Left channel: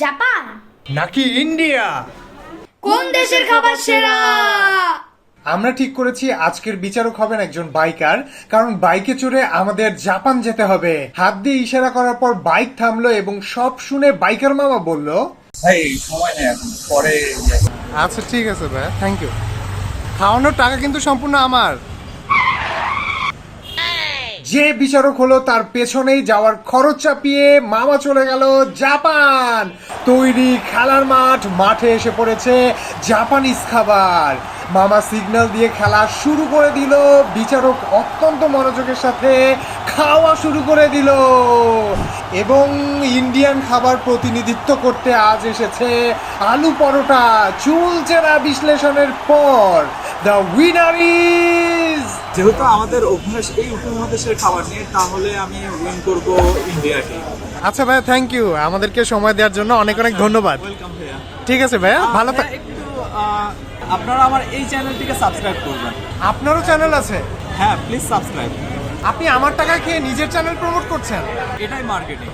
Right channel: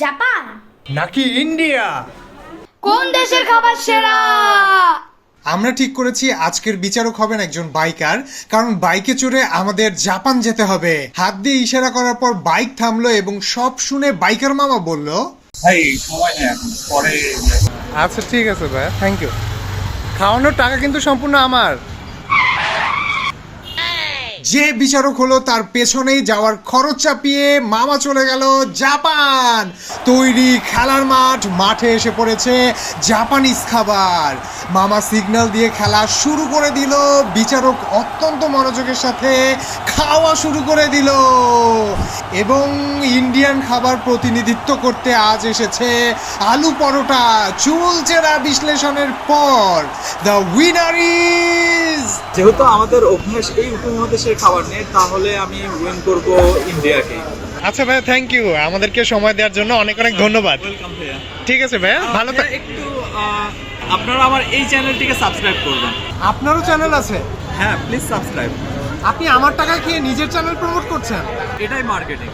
Japan নাকি India? কোন দেশের খাবার সেরা? আমরা ঠিক করেছি আজকের বিচারক হবেন একজন বাইকার, কারণ বাইকে চড়ে আমাদের জাপান যেতে হবে। হাত দিয়ে ইশারা করার পর বাইক থামলো এবং সব শুনে বাইকার মামা বলল, ভাই সময় নেই এখন, পরে। আচ্ছা ঠিক আছে ভাই, থ্যাংক ইউ। খাওয়ানোর টাকা কিন্তু সম্পূর্ণ আমার। যে বিচারক হলো তার পেছনেই যাওয়ার খরচ চাপিয়ে মামা চলে গেল জাপান। তৈরি খেলার মাঠে এসে পড়েছে জাপানিজ খাবার। মামা সিগন্যাল দিয়ে খেলা শুরু করে দিল। বিচারক অত্যন্ত মনোযোগের সাথে খাওয়া শুরু করে দিল এবং ইন্ডিয়ান খাবার প্রতিনিধিত্ব করতে আজ এসেছে আলু পরোটা। চুলচেরা বিশ্লেষণের পর দ্য উইনার ইজ, যেহেতু আমাদের অভ্যাস এই উপমহাদেশের খাবার নেই, তাহলে আমি উইন করব ইন্ডিয়াকে। আচ্ছা ভাইয়া, থ্যাংক ইউ আমাদেরকে সময় দেওয়ার জন্য, অনেক অনেক ধন্যবাদ। ওয়েলকাম ভাইয়া। ঠিক আছে ভাইয়া, ভালো থাক। একটু আপনারা আমার এই চ্যানেলটিকে সাবস্ক্রাইব করবেন। আপনারও চ্যানেল আছে? হ্যাঁ, প্লিজ সাবস্ক্রাইব। আপনি আমার টাকা খেয়ে নিজের চ্যানেল প্রমোট করছেন? এটাই মার্কেটিং।